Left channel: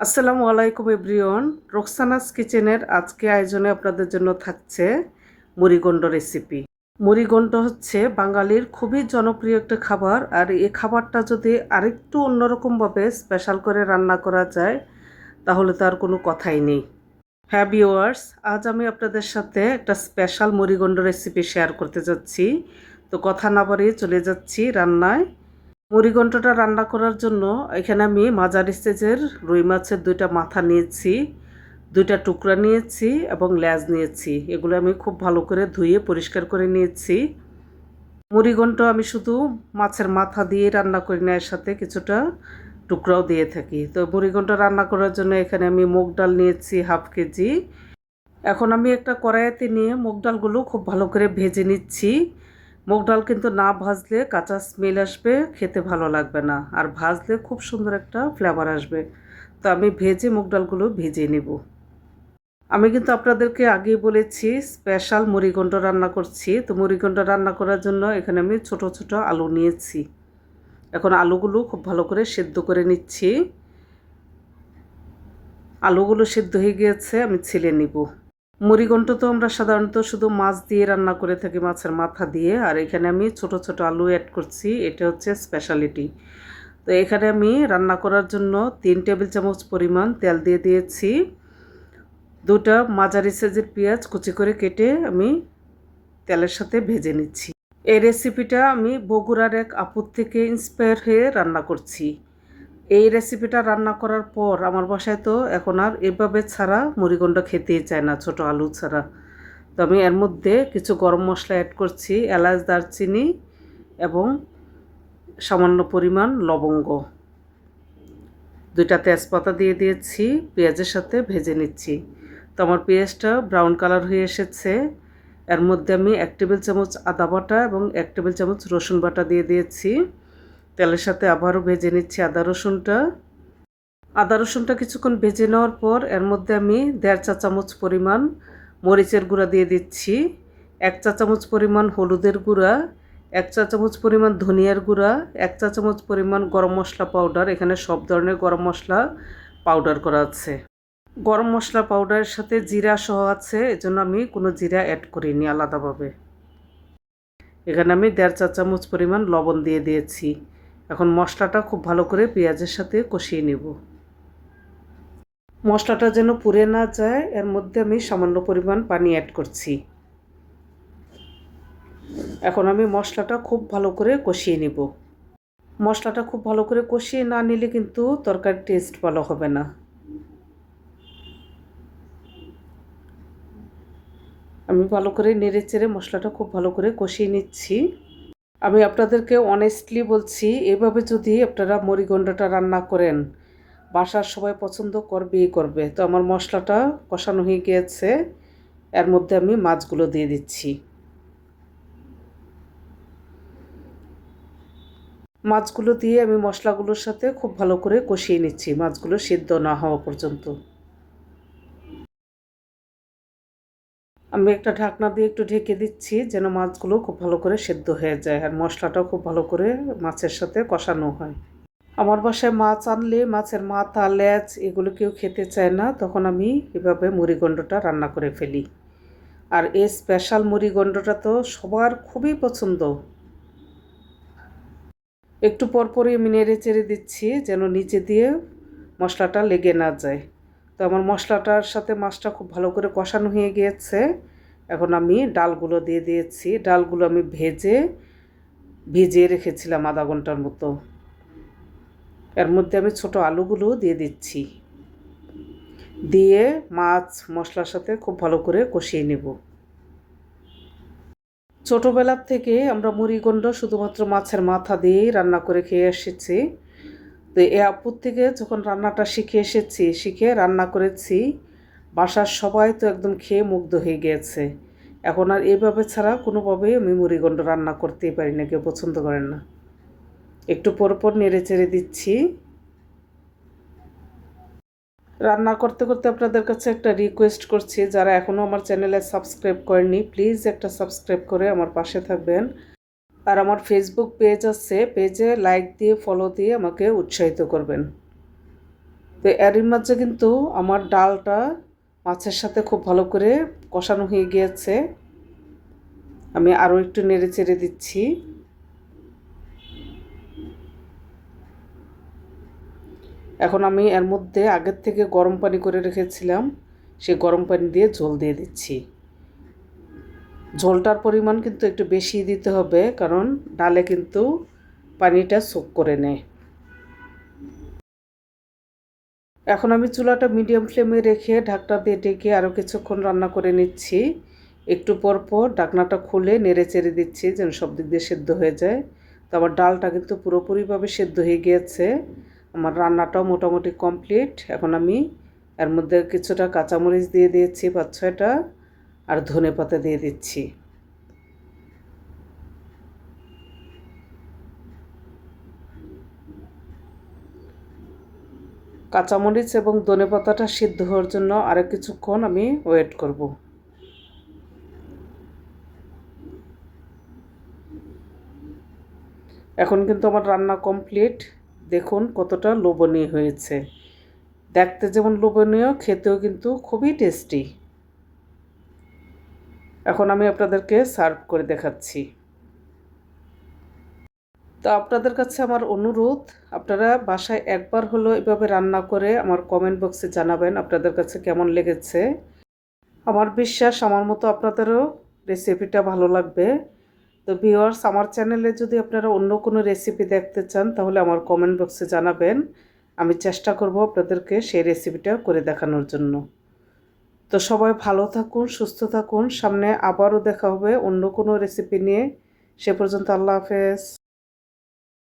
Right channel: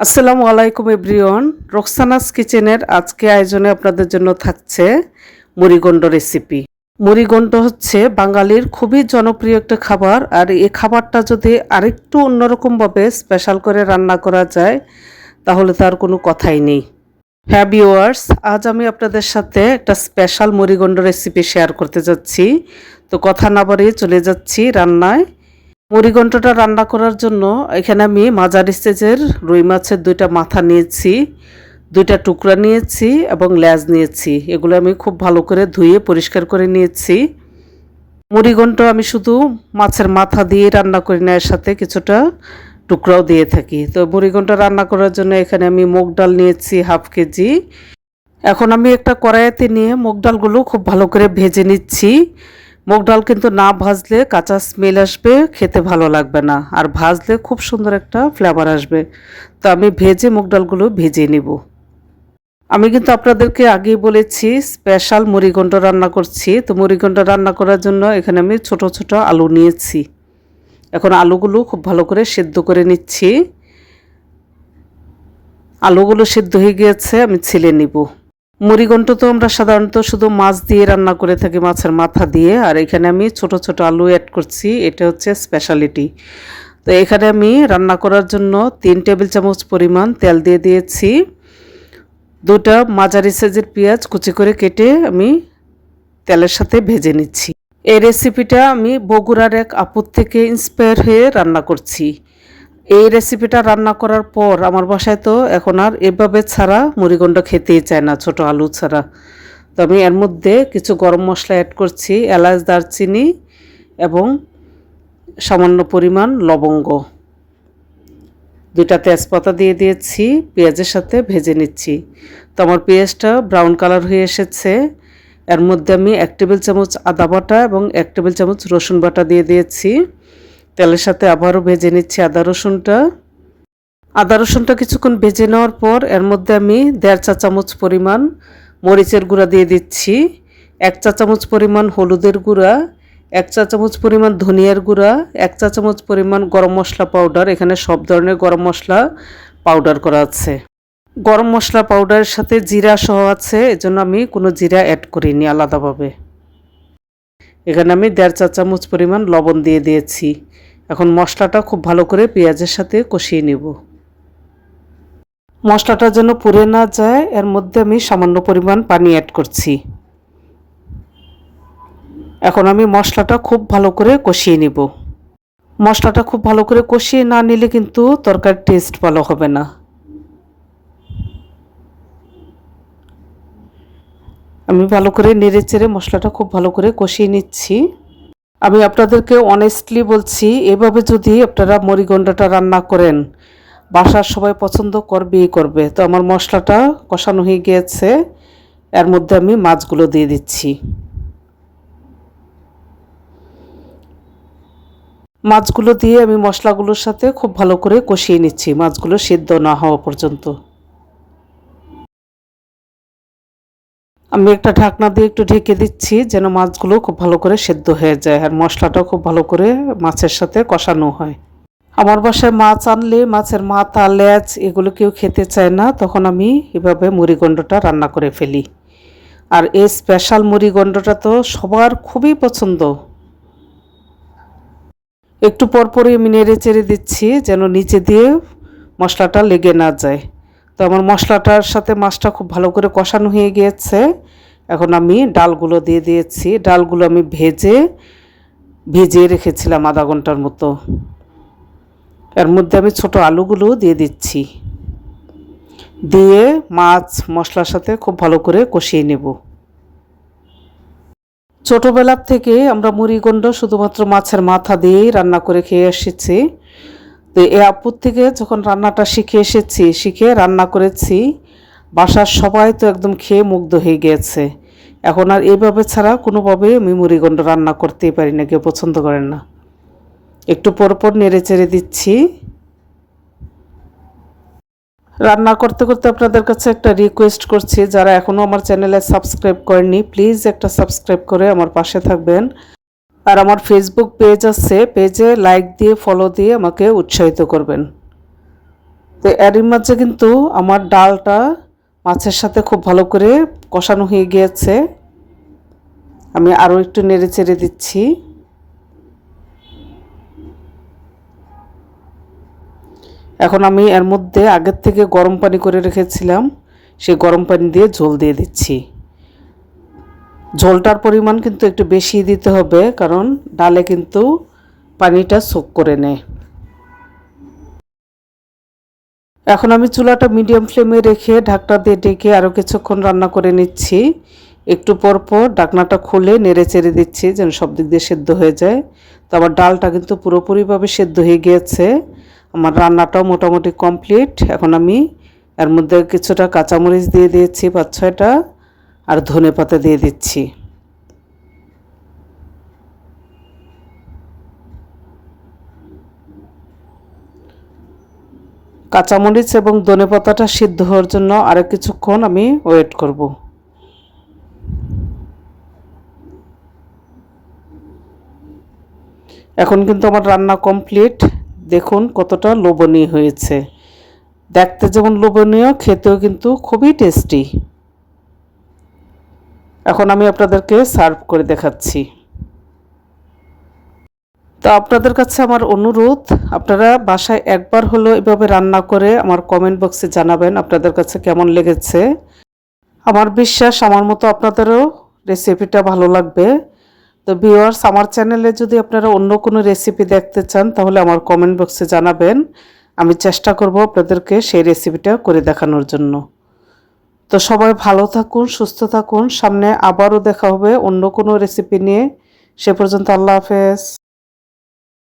আসসালামু আলাইকুম everyone. Roksana's কিচেনের আজকে আয়োজনে আপনাদের জন্য থাকছে মুড়িঘণ্ট রেসিপি। মুড়িঘণ্ট হচ্ছে বাঙালির খুবই জনপ্রিয় একটা খাবার, আর এই খাবারটা যদি আরেকটু অন্যরকমভাবে স্পেশাল করে রান্না করা যায় তাহলে তার কোনো কথাই নেই। হ্যাঁ ভিউয়ার্স, আজ আমি আপনাদের সাথে একটা স্পেশাল মুড়িঘণ্ট রেসিপি শেয়ার করতে যাচ্ছি। তো কথা না বাড়িয়ে চলে যাচ্ছি রান্নায়। মুড়িঘণ্টটা রান্না করার জন্য এখানে আমি মাঝারি সাইজের রুই মাছের 2টা মাথা নিয়েছি, 2টা টুকরা নিয়েছি এবং লেজ নিয়েছি। এগুলো আমি খুব ভালো করে ধুয়ে পরিষ্কার করে নিয়েছি। মুড়িঘণ্ট আমি শুধু মাছের মাথা দিয়ে রান্না করি না, এর সাথে কিছুটা টুকরাও দিয়ে থাকি। তো মুড়িঘণ্ট রান্না করার জন্য এখানে আমি মুগ ডাল নিয়েছি হাফ কেজি। এখন আমি একটা কড়াইতে নিয়ে মুগ ডালগুলো খুব ভালো করে ভেজে নিচ্ছি। মুগ ডাল কিন্তু না ভাজলে কাঁচা স্মেল আসবে, খেতে ভালো লাগবে না, আর ভাজলে খুব সুন্দর একটা ফ্লেভার আসবে। তো আমি ভেজে মুগ ডালগুলো ভেজে নিব। আমি কিন্তু আপনাদেরকে আগেই বলেছি স্পেশাল মুড়িঘণ্ট রান্না করছি। তো মুড়িঘণ্ট রান্না করার জন্য এখানে আমি ছোট ছোট আলু নিয়েছি। এখন আলুগুলো খুব ভালো করে সেদ্ধ করে নিচ্ছি। আলুগুলো সেদ্ধ হয়ে গিয়েছে, আমি ছিলে নিব। মুড়িঘণ্ট তো আমরা সাধারণত শুধু মাছ দিয়ে রান্না করে থাকি, মাছের মাথা দিয়ে, আর এখানে আমি ছোট ছোট আলু অ্যাড করছি, এটা হচ্ছে স্পেশালিটি। তো এখানে আমি রান্না করার জন্য 3 টেবিল চামচ পরিমাণ তেল দিয়ে দিয়েছি। 2টা মাঝারি সাইজের পেঁয়াজ কুচি করে কেটে আমি তেলের সাথে ভেজে নিচ্ছি। এই রেসিপিটা আমি বগুড়ার এক আপুর থেকে ইন্সপায়ার হয়ে রান্না করছি। এই রেসিপিটা রান্না করার পর আমার বাসায় তো এখন আর এভাবে ছাড়া মুড়িঘণ্ট খেতেই চায় না, ছোট আলু ছাড়া। তো আমি এর মধ্যে কিছু গরম মশলা অ্যাড করছি, এলাচ, দারচিনি এবং সামান্য পরিমাণ লবঙ্গ, 2টা তেজপাতা দিয়ে দিয়েছি, পেঁয়াজের সাথে ভেজে নিচ্ছি। তো আমার পেঁয়াজটা ব্রাউন কালার হয়ে এসেছে। এর মধ্যে আমি 1 টেবিল চামচ আদা বাটা এবং 1 টেবিল চামচ রসুন বাটা দিয়ে দিয়েছি। তেলের সাথে আবারও ভেজে নিচ্ছি আদা রসুনটা কিছুক্ষণ ভেজে নেওয়ার পর এর মধ্যে আমি 1.5 চা চামচ পরিমাণ মরিচের গুঁড়া দিয়ে দিচ্ছি, 1 চা চামচ পরিমাণ হলুদের গুঁড়া, 1 চা চামচ পরিমাণ ধনিয়ার গুঁড়া, 1 চা চামচ পরিমাণ গরম মশলা পাউডার। এখানে সব ধরনের গরম মশলা পাউডার করা আছে। গরম মশলা পাউডারের সাথে জিরা সহ আছে, এজন্য আমি কোনো জিরা অ্যাড করিনি আলাদাভাবে। এখানে আমি 1.5 চা চামচ পরিমাণ লবণ দিয়ে দিয়েছি। এখন মশলাটা খুব ভালো করে পেঁয়াজের সাথে কষিয়ে নেব। মশলাটা যেন পুড়ে না যায়, এর মধ্যে আমি সামান্য পরিমাণ পানি অ্যাড করছি। এখন আমি মশলাটা খুব ভালো করে কষিয়ে নিব। মশলাটা খুব ভালো করে কষিয়ে না নিলে কিন্তু তরকারির টেস্ট ভালো হবে না। আমি ভালো করে নেড়ে চেড়ে মশলাটা খুব ভালো করে কষিয়ে নিচ্ছি। আমি আপনাদেরকে অনেস্টলি বলছি, এভাবে যদি আপনারা মুড়িঘণ্টটা রান্না করেন বাসার সবাই পছন্দ করবেই করবে। তো আমার মশলাটা কষানো হয়ে গিয়েছে, এর মধ্যে আমি মাছগুলো দিয়ে দিচ্ছি। মাছগুলো দিয়ে আমি মশলাগুলোর সাথে খুব ভালো করে কষিয়ে নিচ্ছি, মাছগুলো সিদ্ধ না হওয়া পর্যন্ত। আমি একটা ঢাকনা দিয়ে একটু ঢেকে দিচ্ছি যেন মাছগুলো খুব ভালো করে সেদ্ধ হয়ে যায় আর মশলাটাও খুব ভালো করে মাছের সাথে কষানো হয়। আমার বাসায় মাছ আনলে মাছের মাথা, লেজ এগুলো কেউ খেতে চায় না, তখন আমি এভাবে মুড়িঘণ্টটা রান্না করে ফেলি। আর এই স্পেশাল মুড়িঘণ্টটা তো সবার খুবই পছন্দ। একটু পরপরই আমি নেড়ে চেড়ে দিচ্ছি যেন নিচে দিয়ে মশলাটা লেগে না যায়। তো আমার মশলাটার সাথে মাছটা খুব ভালো করে কষানো হয়ে গিয়েছে। এখন আমি ডালগুলো দিয়ে দিয়েছি। ডালগুলো আমি ভিজিয়ে রেখেছিলাম আধা ঘন্টার মতো। এর মধ্যে আমি ছোট আলুগুলো দিয়ে দিচ্ছি, দিয়ে মাছ মশলার সাথে খুব ভালো করে কষিয়ে নেব। ছোটোবেলার থেকে আমরা মুড়িঘণ্ট শুধুমাত্র মাছের মাথা দিয়েই রান্না করে খেয়ে এসেছি। তো এই আপুর থেকে যখন রান্নাটা শিখে রান্না করেছি, বাসার সবাই তো একদম খেয়ে মুগ্ধ হয়ে গিয়েছে। এখন আর এইভাবে ছাড়া কোনোভাবে আমি মুড়িঘণ্ট রান্না করতেই পারি না, কেউ পছন্দ করেন না। একটু পরপর নেড়ে চেড়ে দিচ্ছি। রান্না করতে করতে আপনাদের কাছে একটা রিকোয়েস্ট করছি, যারা এখনও আমার চ্যানেলে সাবস্ক্রাইব করেননি প্লিজ একটা সাবস্ক্রাইব করে আমার পাশে থাকবেন। আর আমার ফেসবুক পেজ আছে, পেজে লাইক দিয়ে ফলো দিয়ে আমাকে উৎসাহিত করবেন। তো এরই মাঝে কিন্তু আমার ডালটা মাছের সাথে খুব ভালো করে কষানো হয়ে গিয়েছে। আমি আরও একটু নেড়ে চেড়ে দিচ্ছি। এখন আমি এর মধ্যে আগের থেকে গরম পানি করে রেখেছিলাম, সেই গরম পানি দিয়ে ঝোল দিয়ে দিচ্ছি। ঝোলটার পরিমাণ কিন্তু একটু বেশি দিতে হবে, কারণ ডালে কিন্তু পানিটা সোক করে নেয়। এখন আমি চুলাটা মিডিয়াম ফ্লেমে রেখে ঢাকনা দিয়ে ঢেকে আরও কিছুক্ষণ রান্না করে নিচ্ছি। একটু পর পর ঢাকনাটা খুলে নেড়ে চেড়ে দিচ্ছি যেন সব দিক দিয়ে সেদ্ধ হয়ে যায়। তো আমার ডালটা কিন্তু পুরোপুরিভাবে সেদ্ধ হয়ে গিয়েছে। আমার রান্নাটাও মোটামুটি কমপ্লিট। এখন আমি এর মধ্যে কিছুটা কাঁচামরিচ দিয়ে দিয়েছি 5-6টা, আর ধনেপাতা দিয়ে দিচ্ছি। কাঁচামরিচ এবং ধনেপাতাটা সিদ্ধ হওয়ার জন্য আরও কিছুক্ষণ আমি ওয়েট করব। এখন কিন্তু আমার রান্না কমপ্লিট। দেখুন কতটা লোভনীয় হয়েছে। দেখতে যেমন লোভনীয়, খেতেও কিন্তু খুবই টেস্টি। এখন আমি আপনাদেরকে সার্ভ করে দেখাচ্ছি। তো আপনাদের কাছে আমার অনুরোধ, আপনারা বাসায় একবার হলেও এভাবে রান্না করে আমার কমেন্ট বক্সে জানাবেন আপনাদের কাছে কেমন লেগেছে। আমার বিশ্বাস আমার মতো আপনাদেরও রেসিপিটা ভালো লাগবে। তো ভিউয়ার্স, আমার চ্যানেলে যদি আপনারা অন্য কোনো রেসিপি দেখতে চান তাহলে আমার কমেন্ট বক্সে জানাবেন। আমি চেষ্টা করব আপনাদেরকে সেই রেসিপিটা করে দেখানোর জন্য। তো সবাই ভালো থাকুন, সুস্থ থাকুন। সামনে আবারও দেখা হবে অন্য কোনো রেসিপি নিয়ে। সে পর্যন্ত আল্লাহ হাফেজ।